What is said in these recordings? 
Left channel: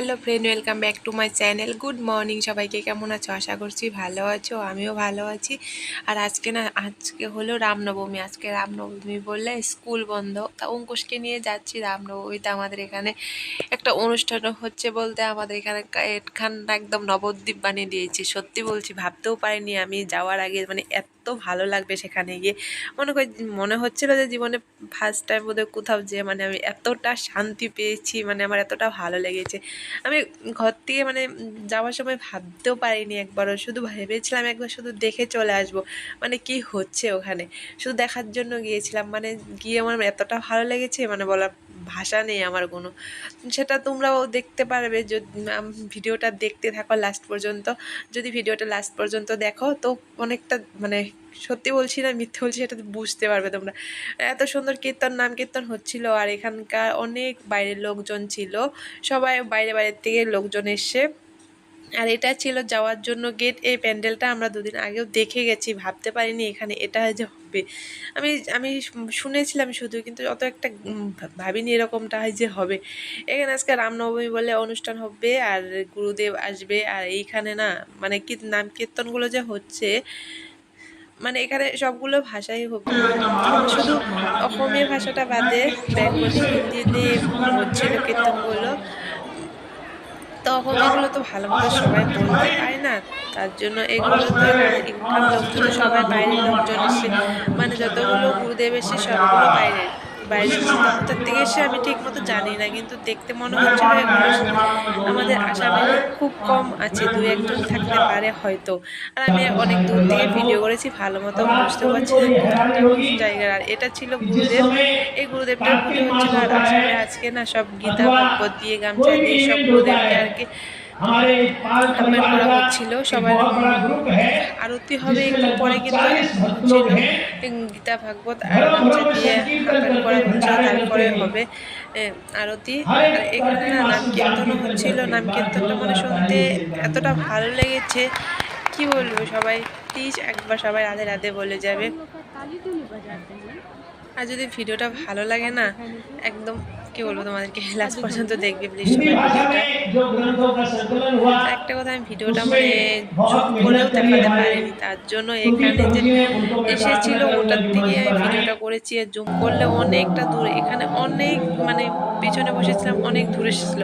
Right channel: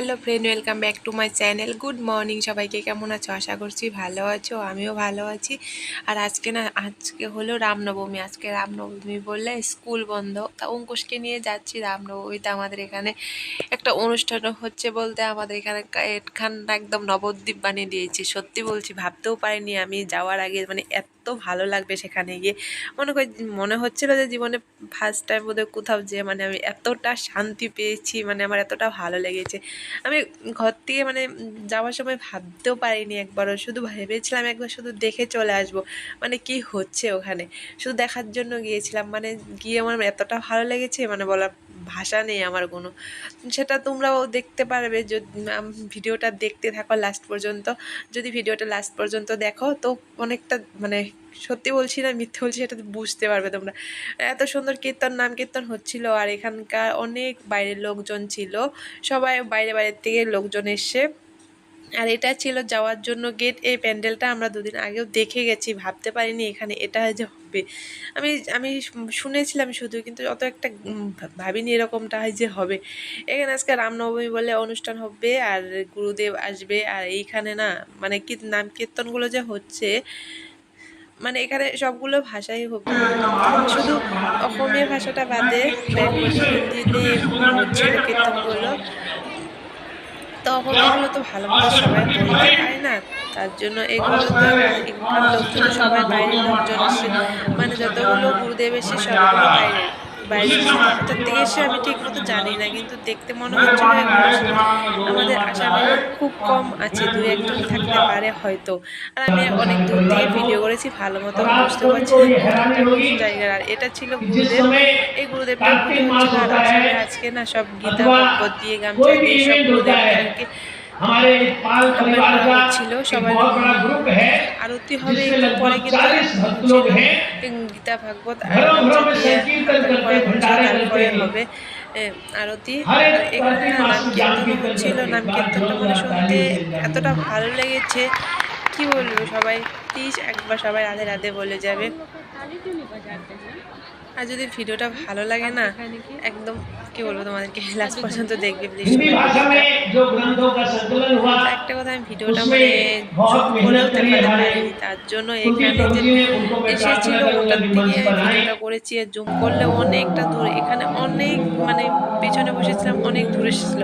Hello friend, welcome back to my channel. Good morning সবাইকে। কেমন আছো? আশা করছি ভালো আছো, আমিও ভালো আছি। আর আজকে হলো রামনবমী। আজকে রামনবমী বললে স্কুল বন্ধ, তা অঙ্কুশকে নিয়ে যাচ্ছি রামনবমীতে। আমাদের এখানে একটা অনুষ্ঠান হচ্ছে বলতে আমাদের এখানটা একদম নবদ্বীপ বানিয়ে দিয়েছি। সত্যি বলছি, ভাবতেও পারিনি আমি যাওয়ার আগে মানে এত ভালো লাগবে সেখানে গিয়ে। মনে হচ্ছিল যে জীবনে ফার্স্ট টাইম বোধহয় কোথাও যেয়ে মানে আমি এতটা শান্তি পেয়েছি, মানে আমার এতটা ভালো লেগেছে। আমি ঘর থেকে মানে যাওয়ার সময় ভাবতেও পারিনি একবারও, শুধু ভেবেছিলাম একবার শুধু দেখে চলে আসবো, মানে কি হচ্ছে ওখানে শুধু দেখার জন্য গিয়েছিলাম। মানে গিয়ে আমার এতটা ভালো লেগেছে, মানে বলার ভাষা নেই আমার কোনো। সেটা তোমরাও দেখতে পারবে যদি ভিডিওটা দেখতে থাকো লাস্ট পর্যন্ত। যদি ভিডিওটা লাস্ট পর্যন্ত দেখো তো অনেকটা মানে সত্যি বলছি না মিথ্যে বলছি সেটা বুঝতে পারবে তোমরা। এত সুন্দর নাম কীর্তন হচ্ছিল, আর এখানকার অনেক বাইরের লোকজন ছিল, সবাই বাইরে বাইরের থেকে লোকজন এসে। আর এটা ছিল যাওয়ার জন্য গেট। এই প্যান্ডেলটা আমরা দুদিন আগেও দেখে গেছি, ভাবতে পারিনি এখানে এটা যে হবে। আমি আমি শুনেছিলাম শুধু, কিন্তু অত একটা ভাবিনি এরকমটা হয় যে হবে। এখানে আজকে রামনবমী বলে অনুষ্ঠান হবে, আর গুরুদেব আসবে। আর এইখানে না মানে কি নাম কীর্তনগুলো যে হচ্ছে, মানে এখানে সবগুলো ভাষাই শুধু অসমীয়া ভাষাটা বাদে বেঙ্গলি হিন্দিতে হচ্ছিল কীর্তনগুলো। তখন এগুলো তো ভালো মতো সবাই বলতে পারে না, তার জন্য এগুলো তো এখানকার লোকজন তো সবাই বাইরের লোকজন এসে, মানে যতগুলো গুরুদেব এসে সবগুলো বাইরের বাইরের বলতে কোথার থেকে এসে আমি ঠিক মতো জানি না, কিন্তু দেখতে মনে হচ্ছিল এগুলো আমাদের আসামে খুব কম আছে, দু একজন থাকতে পারে হয়তো। আর আমি অনেক দূর থেকে ভিডিও করেছি, ভালো মতো বুঝতেও পারছি না কোনটা কোন জায়গার। আর এটা ছিল গুরুদেব, এই গুরুদেবটার পুজো হচ্ছিল। আর আসামে আজকে না সব গীতা ভাগবত দিয়ে গামছা দিয়ে সব গুরুদেবকে আর কি আপ্যায়ন করা হচ্ছিল সবার। আরতি হবে একটু পরে, কিন্তু এখন হচ্ছিল গীতা ভাগবত আর গামছা দিয়ে আপ্যায়ন করা হচ্ছিল, তারপরে হবে আরতি। আর এখানে না নাম কীর্তনও হচ্ছিল। নাম কীর্তনটা মানে শুনতে এতটা ভালো লেগেছে, কি বলবো। সবাই প্লিজ একবার সবাই রাধে রাধে বলে যাবে। আর যদি ভিডিওটা ভালো লাগে না, একদম কি বলবো তোমাদেরকে, লাস্ট পর্যন্ত দেখবে প্লিজ সবাই ভিডিওটা। একটা কথা, আমি ভিডিওটা মানে জুম করেও দেখাতে পারিনি, তার জন্য এখানে যে এসেছিল ওটার থেকে আমি ভিডিওটা করেছি। আর জুম করলে অনেকটা দূরে, এখানে অনেক মানে পিছনে বসেছিলাম, অনেক দূরে এসেছিল।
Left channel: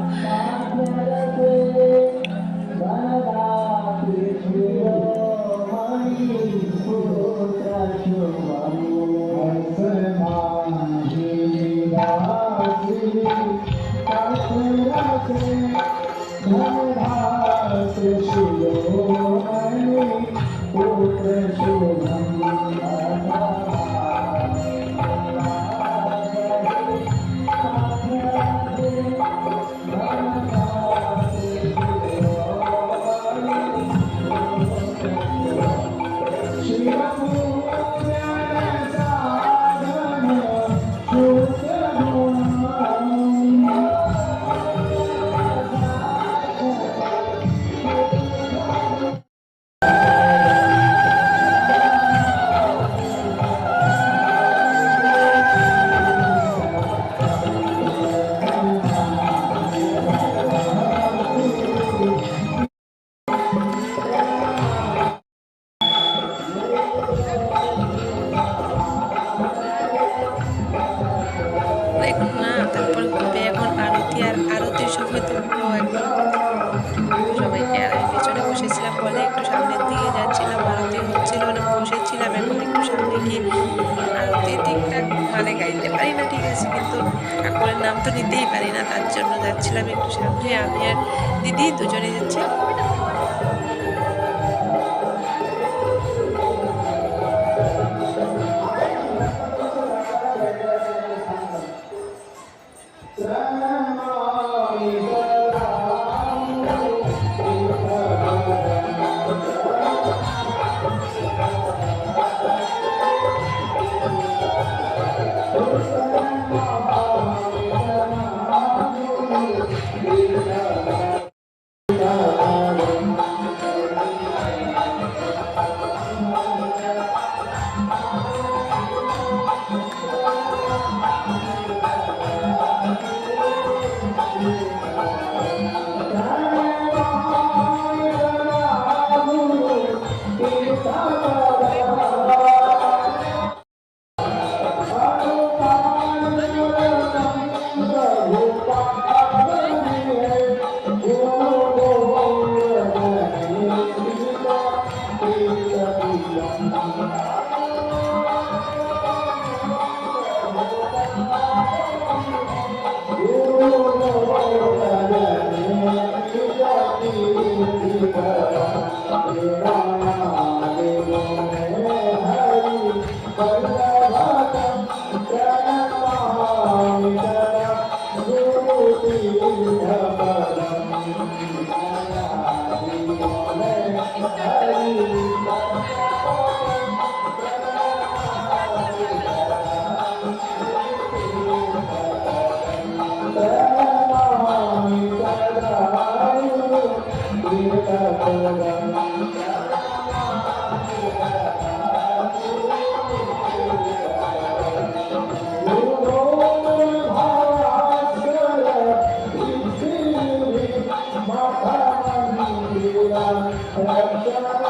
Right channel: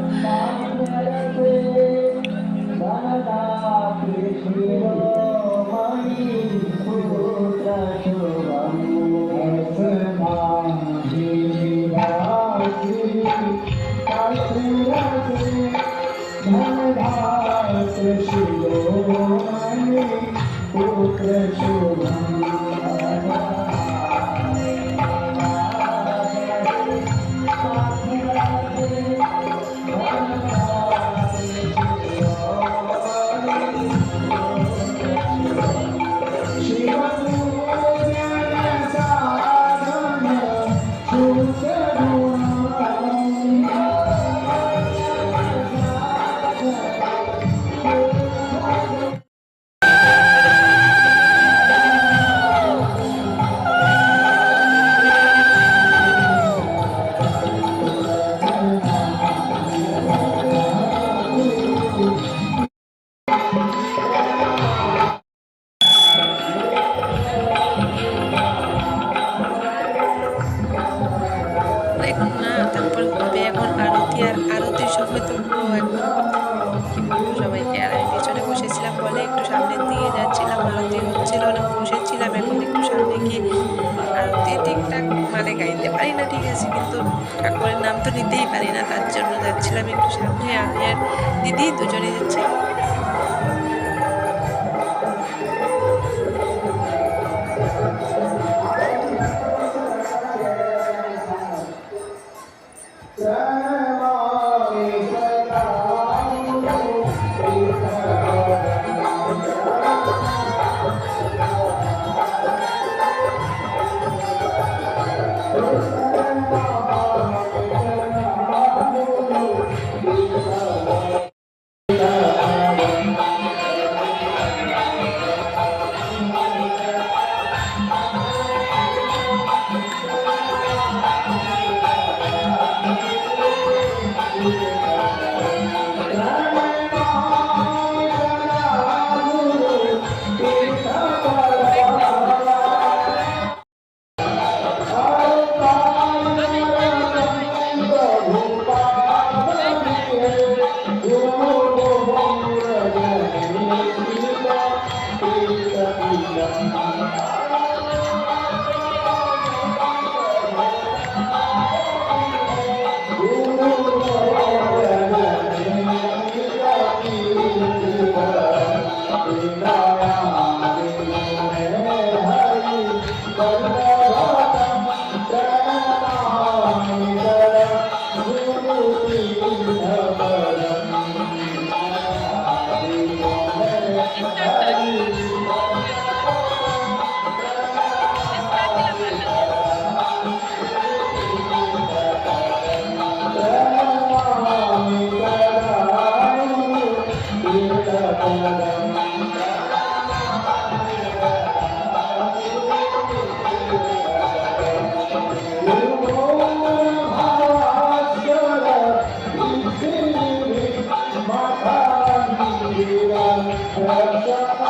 এখন না, তারপরে হবে এখন আরতি। আর আরতির সময় তো পুরো একদম কি বলবো সবাইকে। আর আমি পেছনে বসেছিলাম বলে একটু সামনের দিকে যাচ্ছিলাম, আরতি হচ্ছিল না, বসেছিলাম। এখন একটু সামনে গিয়ে আরতি ঠিকঠাক মানে গাইতে পারি না ঠিক আছে, কিন্তু ঠাকুরের নাম তো নিতেই পারি না, তার জন্য যাচ্ছিলাম একটু সামনে। আমি আর দিদি দুজনে যাচ্ছি। Thank you.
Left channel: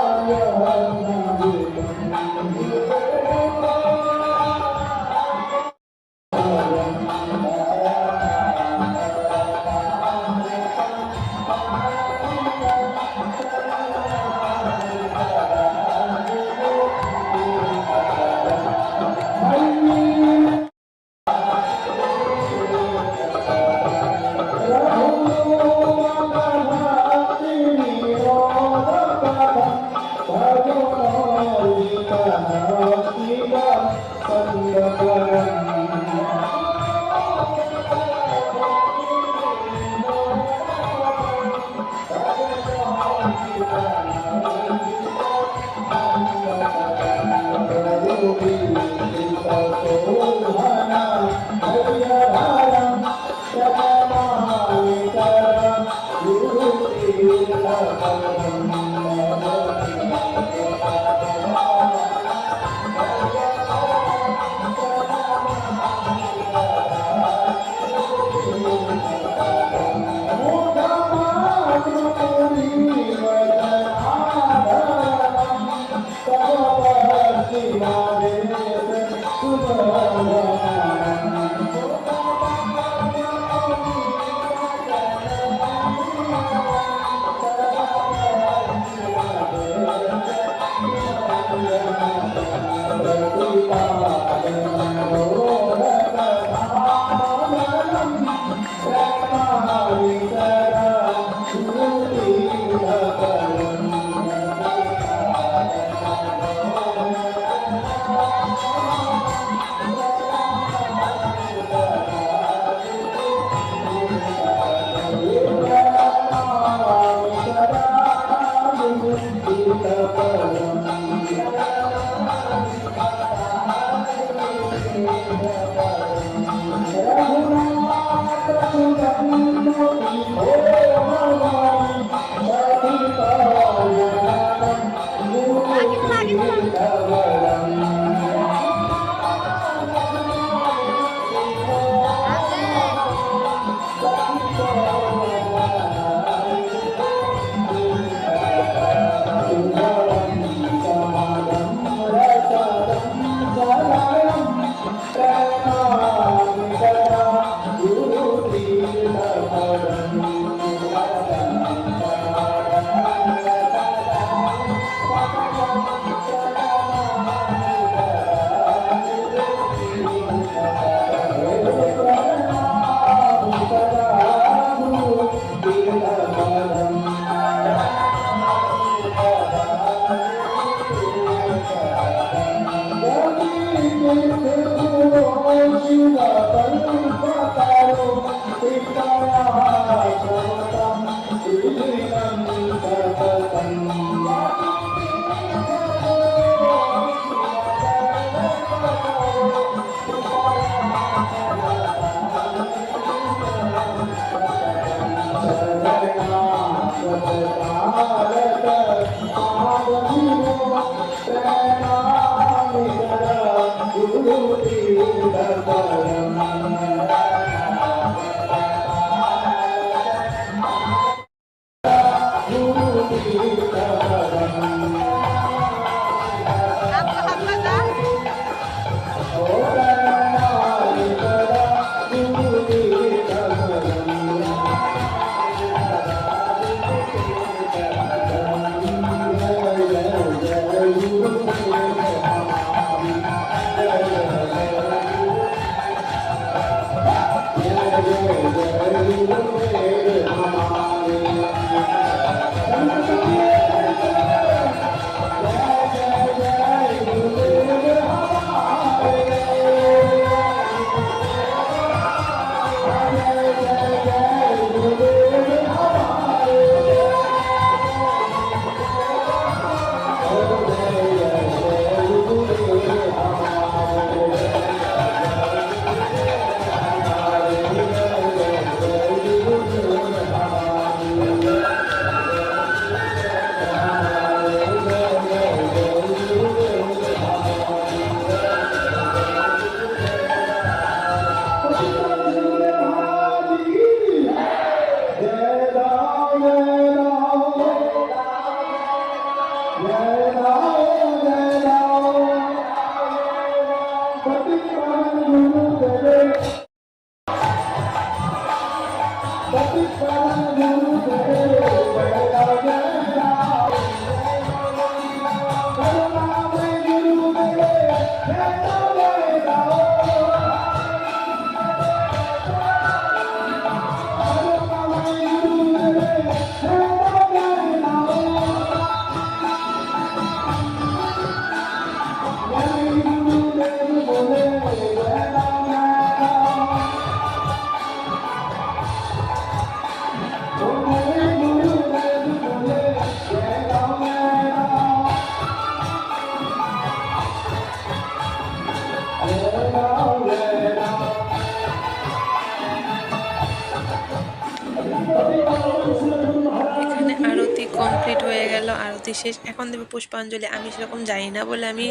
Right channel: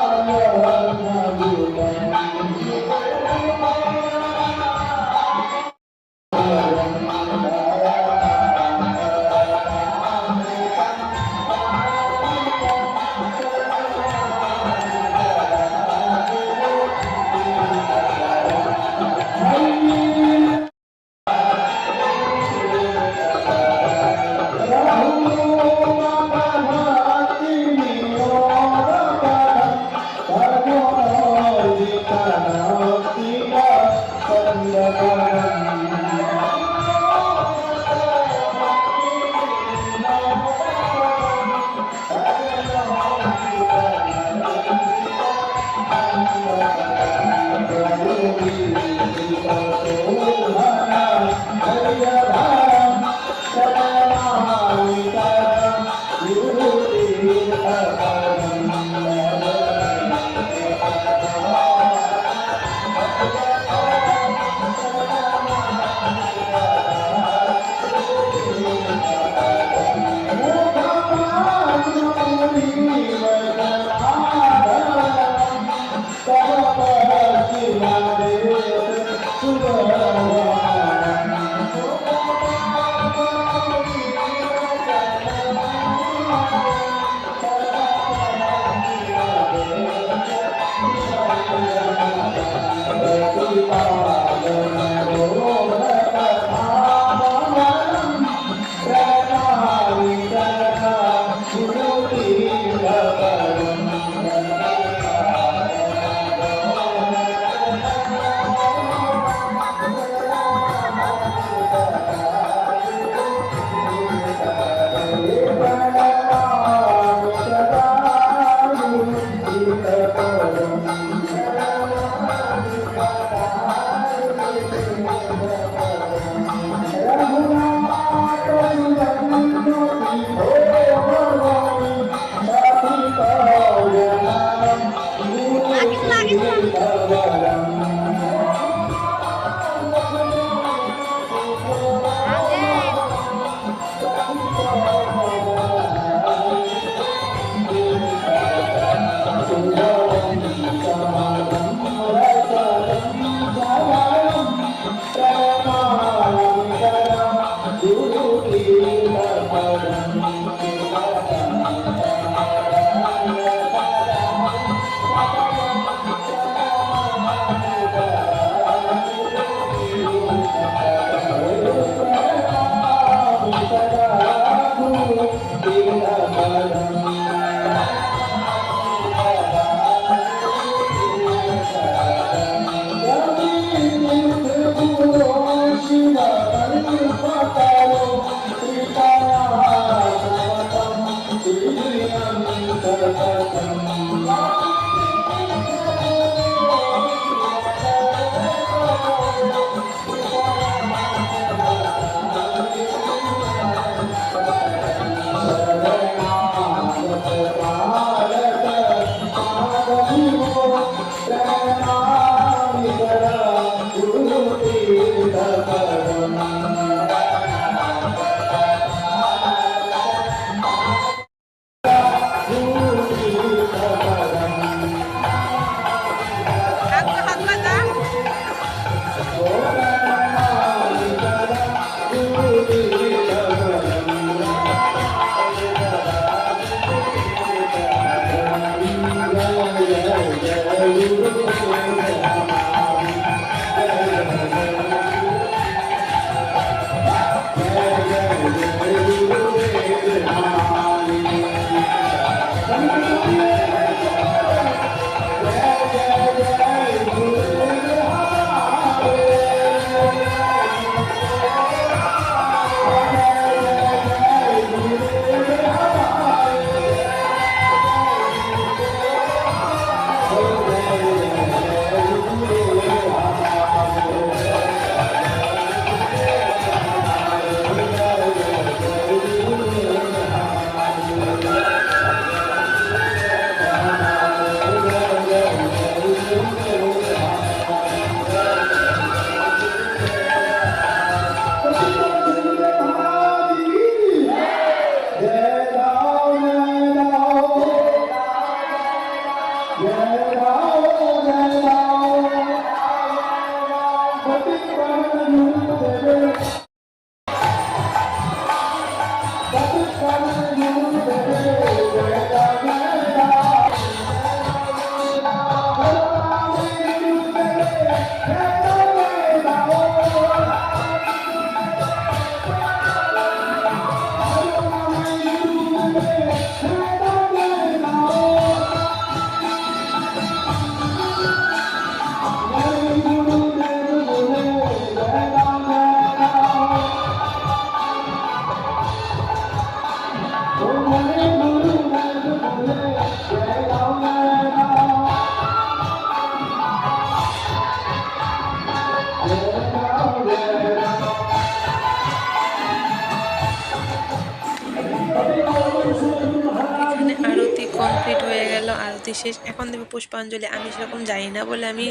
এখানে আরতি কমপ্লিট হয়ে গেল, আরতি শেষ, এখন দেবে পুষ্পাঞ্জলি। আমি সেরকম জানি না বলে আমি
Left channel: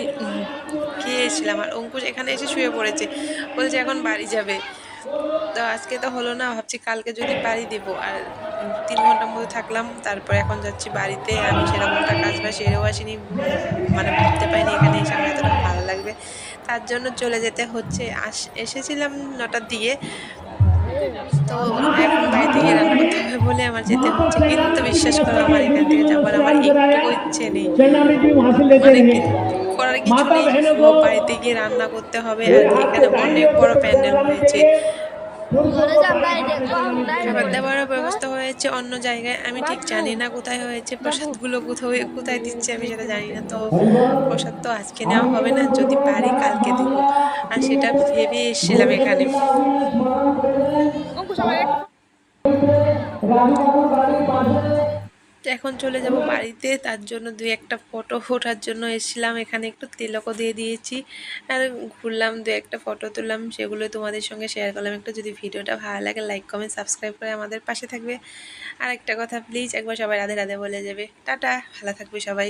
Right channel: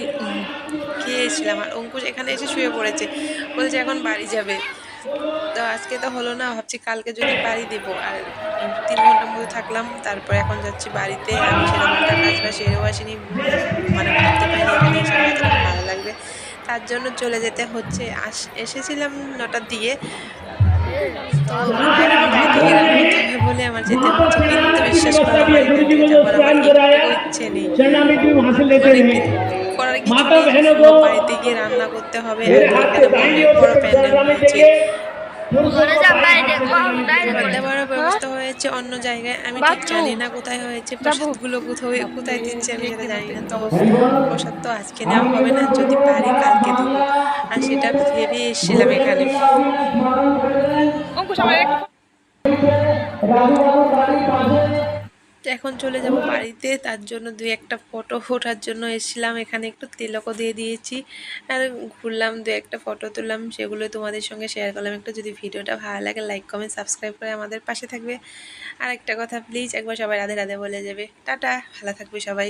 গিয়েছিলাম, আর অঙ্কুশ এখানে এসে শুয়ে পড়েছে, বলছে এখন বাড়ি যাবে। তো আজকে তো হলো না, ভাবছি কালকে যদি বাড়ি দেবো। আর 3 ঘন্টার মতো থাকলাম, তারপর এখন যাচ্ছি বাড়িতে। আমি সেরকমটা কাজ বা সেরেও আসিনি, মানে ভাবতে পারিনি এখানে এসে আমার এতটা ভালো লাগবে, তার জন্য চলে যেতে হচ্ছে। এসেছিলাম 9টার দিকে, তো এখন বাড়িতে গিয়ে রান্না করতে হবে বলে আমার যেতে হচ্ছে। কিন্তু বিশ্বাস করো, আমার এখান থেকে যাবার আমার একটুকু ইচ্ছে নেই, মানে করার কিছু নেই, বাড়িতে গিয়ে রান্না করতে হবে। আর এখানে অনেক বড় প্যান্ডেল হয়েছে, খাবার দাবারও ব্যবস্থা হয়েছে অন্য জায়গায়, আমি ঠিক জানি না কোথায় হয়েছে। প্রসাদগুলো কোথায় কোথায় দিচ্ছে আমি সেটা জানি না। তো প্রসাদ তো আজকে নেওয়া হবে না, যদি পারি কালকে দেবো, আর সেটা ভেবে এসেছিলাম এখানে। তো এখন চলে যাব বাড়িতে, তার জন্য 2-1টা ফটো ওঠার জন্য এসেছিলাম এখানে, একটু তিলকও দিয়ে দিয়েছি, আর ঘুরলাম, 2-1টা ফটো তুললাম, সেগুলো তোমাদের সঙ্গে শেয়ার করলাম একটু। যদি ভিডিওটা ভালো লাগে লাইক কমেন্ট সাবস্ক্রাইব করে আমাদের পাশে থাকবে। আর একটা কথা, প্লিজ একবার সবাই রাধে রাধে বলে যাবে। টাটা, ভালো থাকবে সবাই।